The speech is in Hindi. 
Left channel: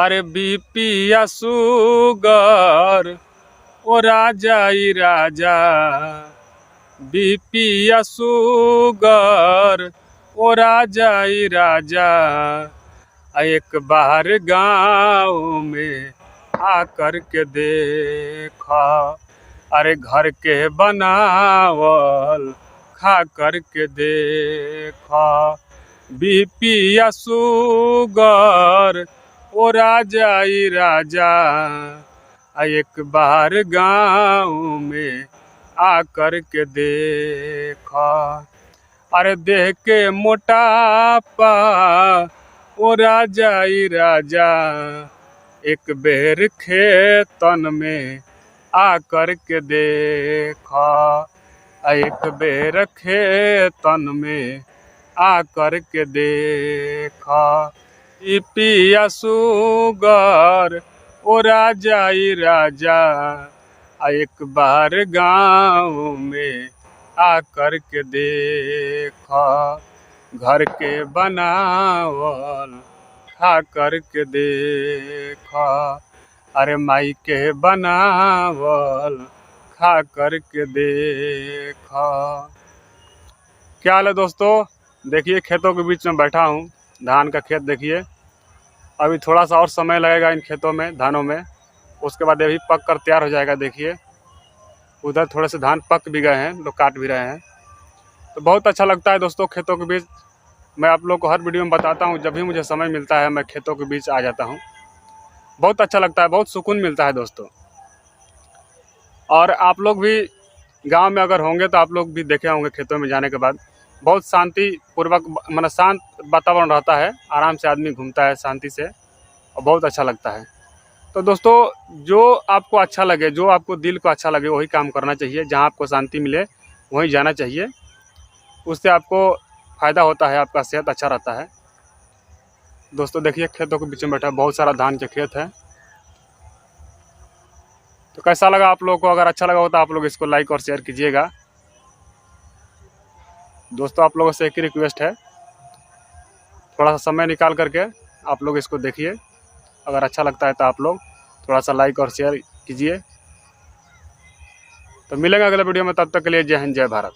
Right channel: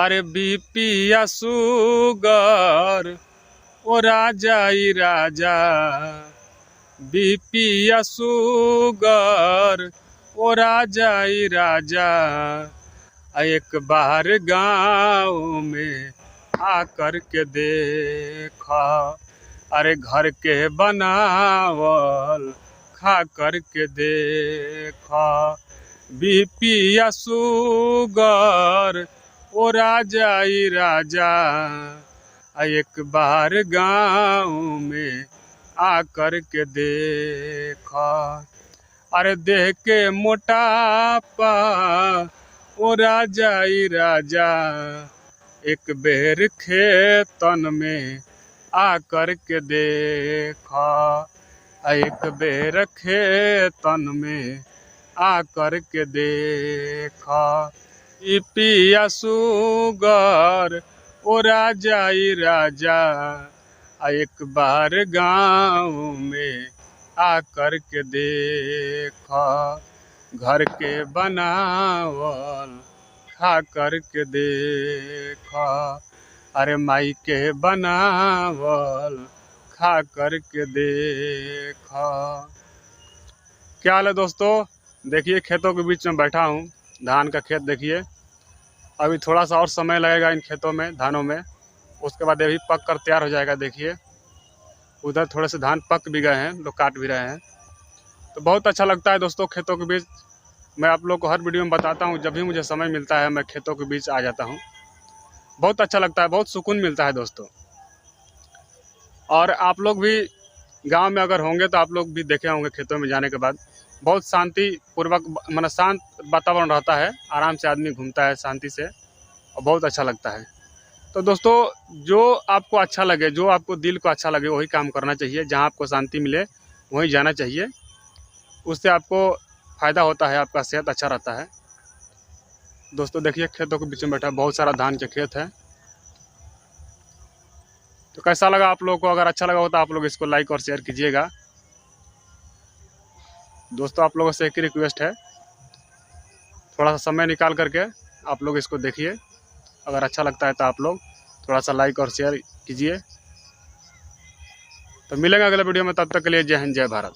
अरे बीपी या शुगर ओ राजा ई राजा, बीपी या शुगर ओ राजा ई राजा, एक बार गाँव में आकर के देखा, अरे घर के बनावल खा कर के देखा। बीपी या शुगर ओ राजा ई राजा, एक बार गाँव में आकर के देखा। अरे देह के मोटापा ओ राजा ई राजा, एक बेर खेतन में आकर के देखा, एक बेर खेतन में आकर के देखा। बीपी या शुगर ओ राजा ई राजा, एक बार गाँव में आकर के देखा, घर के बनावल खा कर के देखा, अरे माई के बनावल खा कर के देखा। क्या हाल है दोस्तों, देखिए खेतों के बीच में बैठा हूँ। धान का खेत देखिए, अभी थोड़ा सा और समय लगेगा इन खेतों में, धानों में, उसके बाद ये भी पक कर तैयार हो जाएगा। देखिए उधर थोड़े से धान पक भी गए हैं, लोग काट भी रहे हैं। तो बहुत अच्छा लगता है दोस्तों खेतों के बीच। मैं आप लोग को हर वीडियो में बताता हूँ, जब भी मुझे समय मिलता है मैं खेतों के बीच आ जाता हूँ। बहुत अच्छा लगता है, बहुत सुकून मिलता है दोस्तों। और आप लोग भी गांव में अगर होंगे तो आप लोग भी देखे होंगे, खेतों में जाने के बाद बहुत शांति पूर्वक, मतलब शांत वातावरण रहता है, आराम से आदमी घूमता है शांति से, और बहुत अच्छा लगता है। तो दोस्तों जो आपको अच्छा लगे, जो आपको दिल को अच्छा लगे वही काम करना चाहिए। जहां आपको शांति मिले वहीं जाना चाहिए, उससे आपको फ़ायदा होता है, आपका सेहत अच्छा रहता है। दोस्तों देखिए खेतों के बीच में बैठा, बहुत सारा धान के खेत है। तो कैसा लगा आप लोगों को? अगर अच्छा लगा हो तो आप लोग इसको लाइक और शेयर कीजिएगा। दोस्तों आप लोगों से एक ही रिक्वेस्ट है, थोड़ा सा समय निकाल करके आप लोग इसको देखिए। अगर अच्छा लगता है तो आप लोग थोड़ा सा लाइक और शेयर कीजिए। तो मिलेंगे अगले वीडियो में, तब तक के लिए जय हिंद जय भारत।